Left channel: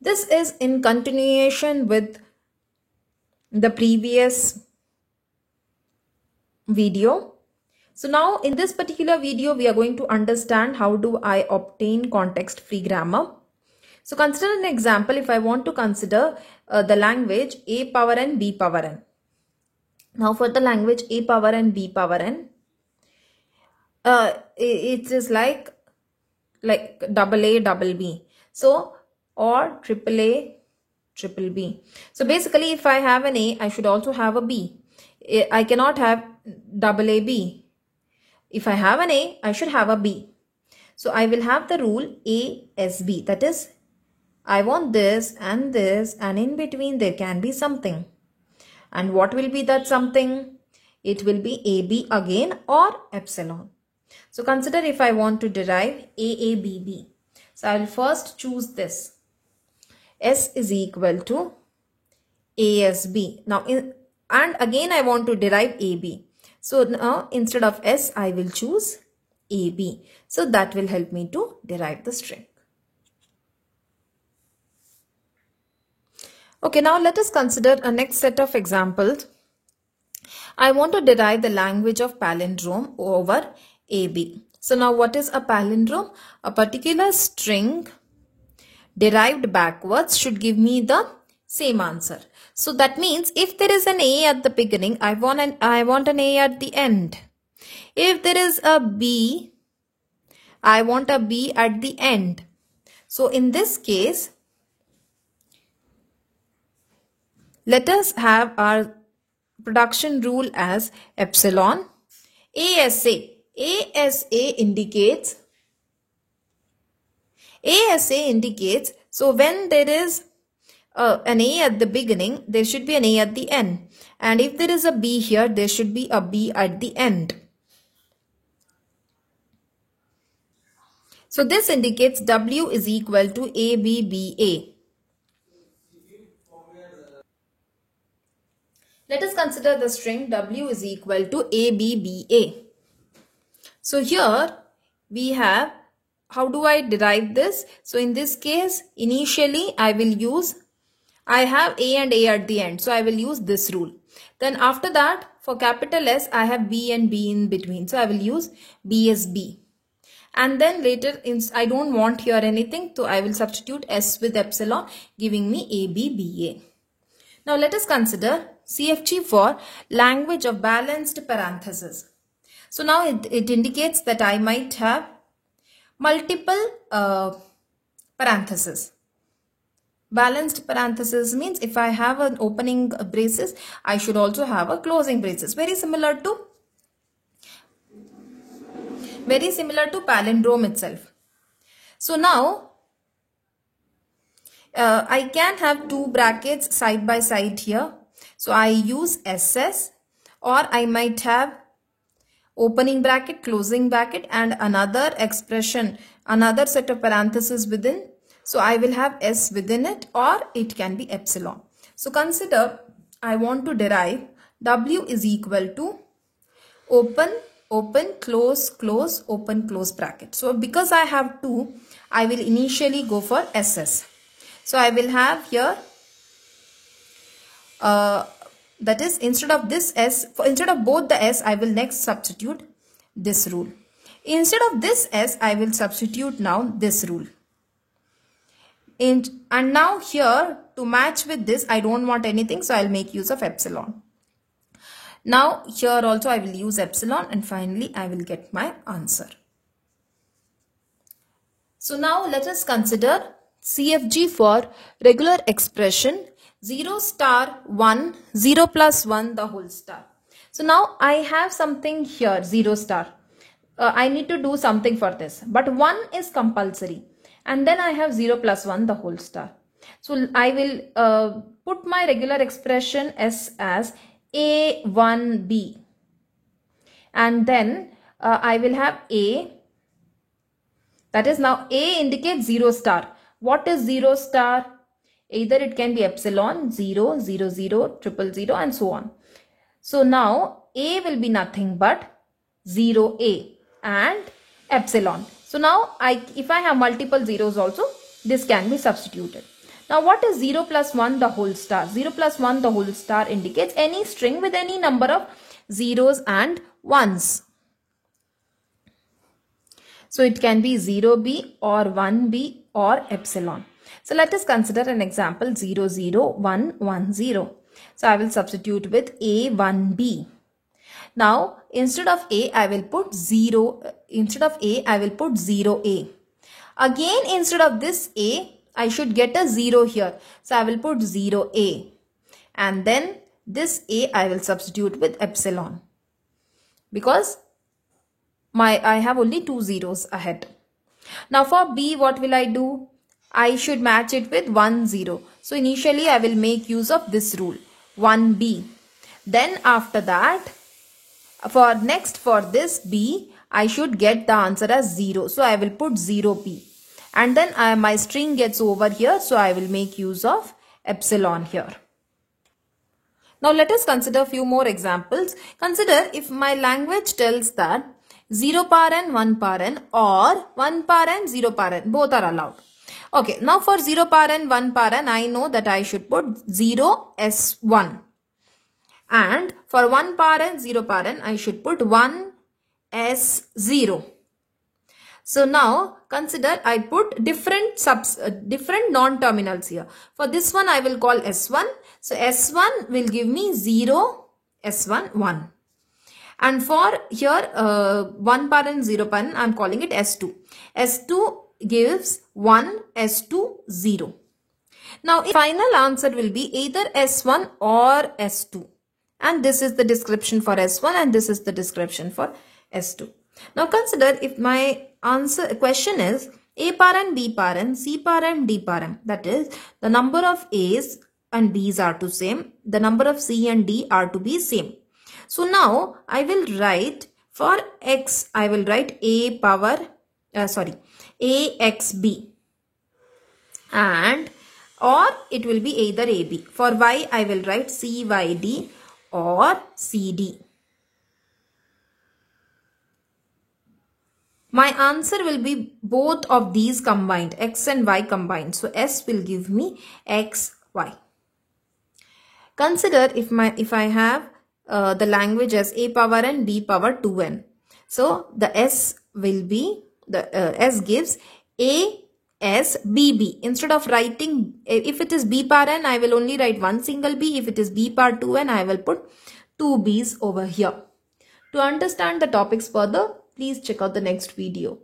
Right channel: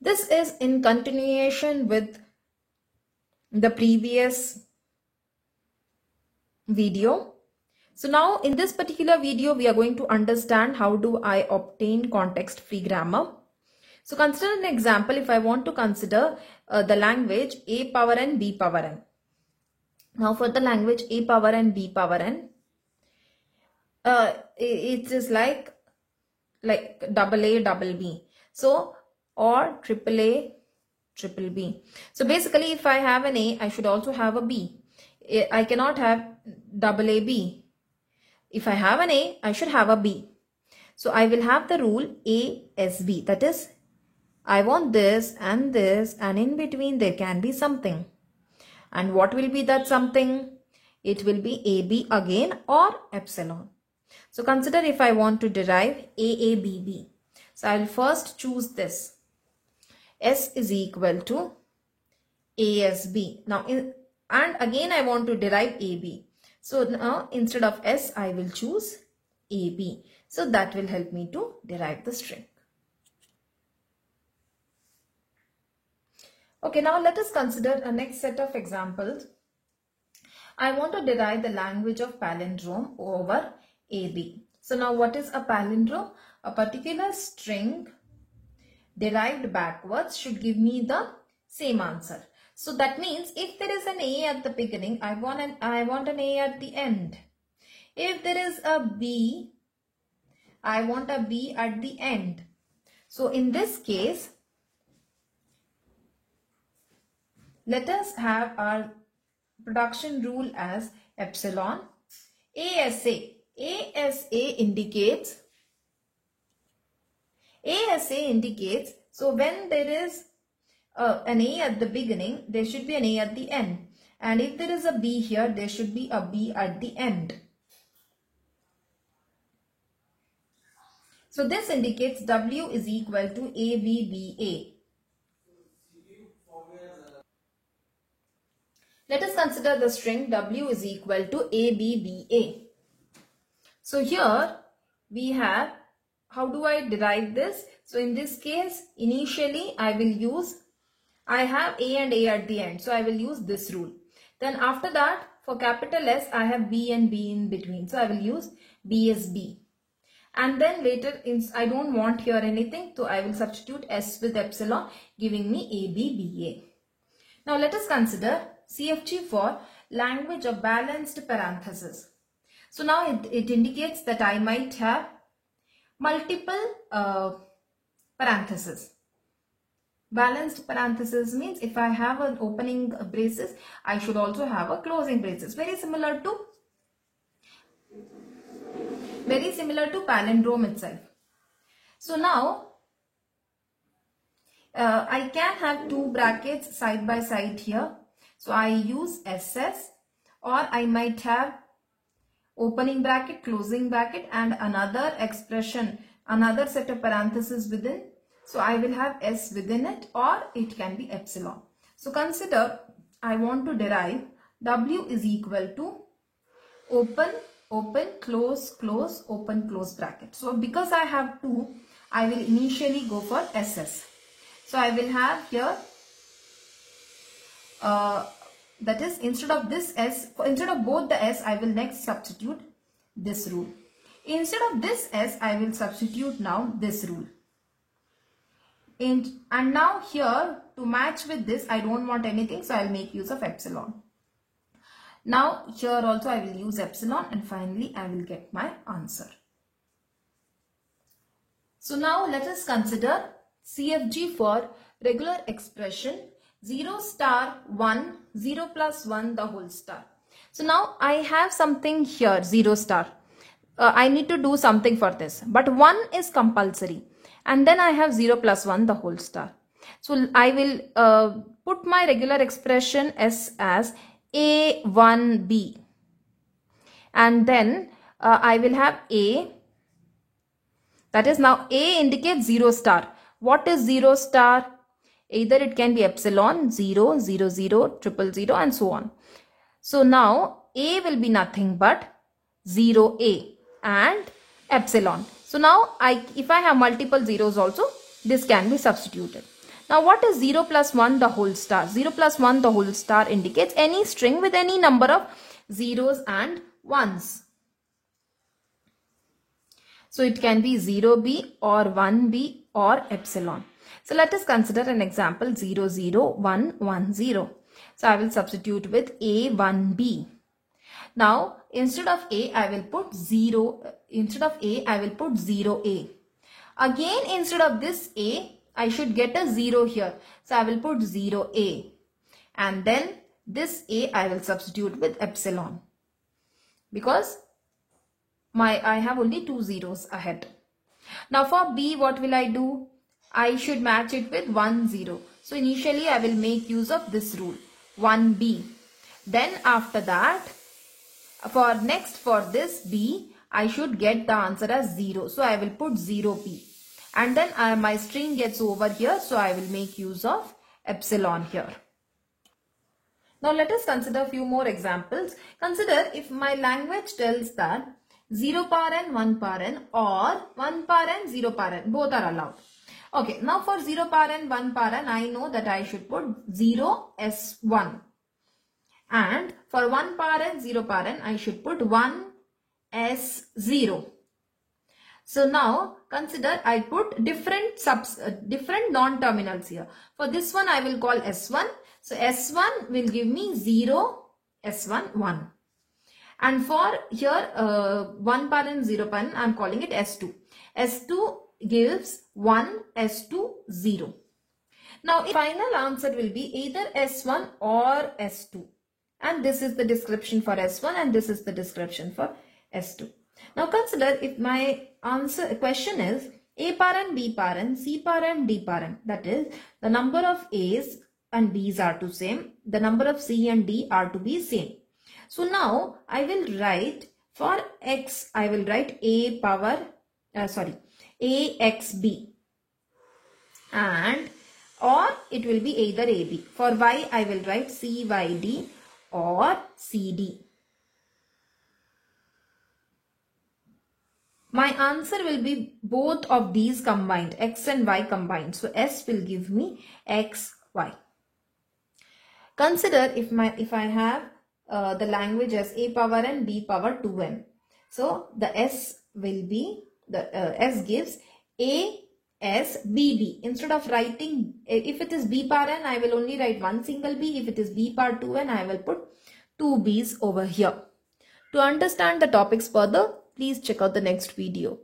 This is in continuation with the previous video. So now in this particular video, we are going to understand how do I obtain context-free grammar. So consider an example if I want to consider the language A power n, B power n. Now for the language A power n, B power n, it is like double A, double B. So, or triple A, triple B. So basically if I have an A, I should also have a B. I cannot have double A, B. If I have an A, I should have a B. So I will have the rule A, S, B. That is, I want this, and in between there can be something. And what will be that something? It will be AB again or epsilon. So consider if I want to derive AABB. So I will first choose this. S is equal to ASB. Now, and again I want to derive AB. So now instead of S, I will choose AB. So that will help me to derive the string. Okay, now let us consider a next set of examples. I want to derive the language of palindrome over AB. So now what is a palindrome? A particular string derived backwards should give me the same answer. So that means if there is an A at the beginning, I want an A at the end. If there is a B, I want a B at the end. So in this case, let us have our production rule as epsilon. ASA indicates, so when there is an A at the beginning, there should be an A at the end. And if there is a B here, there should be a B at the end. So this indicates W is equal to ABBA. Let us consider the string W is equal to ABBA. So here we have, how do I derive this? So in this case, initially I have A and A at the end. So I will use this rule. Then after that, for capital S, I have B and B in between. So I will use B as B. And then later, I don't want here anything. So I will substitute S with epsilon, giving me ABBA. Now let us consider CFG for language of balanced parentheses. So now it indicates that I might have multiple parentheses. Balanced parentheses means if I have an opening braces, I should also have a closing braces. Very similar to palindrome itself. So now I can have two brackets side by side here. So I use SS, or I might have opening bracket, closing bracket, and another expression, another set of parentheses within. So I will have S within it, or it can be epsilon. So consider I want to derive W is equal to open, open, close, close, open, close bracket. So because I have two, I will initially go for SS. So I will have here, that is, instead of this S, instead of both the S, I will next substitute this rule. Instead of this S, I will substitute now this rule. And now here, to match with this, I don't want anything, so I'll make use of epsilon. Now here also I will use epsilon, and finally I will get my answer. So now let us consider CFG for regular expression 0 star 1, 0 plus 1 the whole star. So now I have something here 0 star. I need to do something for this, but 1 is compulsory, and then I have 0 plus 1 the whole star. So I will put my regular expression S as A1B, and then I will have A. That is, now A indicates 0 star. What is 0 star? Either it can be epsilon, 0, 0, 0, 0, 0, and so on. So now A will be nothing but 0A and epsilon. So now if I have multiple zeros also, this can be substituted. Now what is 0 plus 1 the whole star? 0 plus 1 the whole star indicates any string with any number of zeros and ones. So it can be 0b or 1b or epsilon. So let us consider an example 0, 0, 1, 1, 0. So I will substitute with a, 1b. Now instead of a I will put 0. Instead of a I will put 0a. Again instead of this a I should get a 0 here. So I will put 0a. And then this a I will substitute with epsilon. Because I have only 2 zeros ahead. Now for b what will I do? I should match it with 1 0. So initially I will make use of this rule 1b. Then after that for this b I should get the answer as 0. So I will put 0b. And then my string gets over here. So I will make use of epsilon here. Now let us consider a few more examples. Consider if my language tells that 0 paren, 1 paren or 1 paren, 0 paren. Both are allowed. Okay, now for 0 paren, 1 paren, I know that I should put 0 S1. And for 1 paren, 0 paren, I should put 1 S0. So now consider I put different non-terminals here. For this one I will call S1. So S1 will give me 0, S1, 1. And for here 1 paren, 0 paren, I am calling it S2. S2 gives 1, S2, 0. Now final answer will be either S1 or S2. And this is the description for S1 and this is the description for S2. Now consider if my question is A paren, B paren, C paren, D paren. That is the number of A's and B's are to same. The number of C and D are to be same. So now I will write for X, I will write AXB. And or it will be either AB. For Y I will write CYD or CD. My answer will be both of these combined, X and Y combined. So S will give me XY. Consider if I have the language as A power n, B power 2n. So the S will be, S gives A S B B. Instead of writing, if it is B power n, I will only write one single B. If it is B power 2n, I will put 2 B's over here. To understand the topics further, please check out the next video.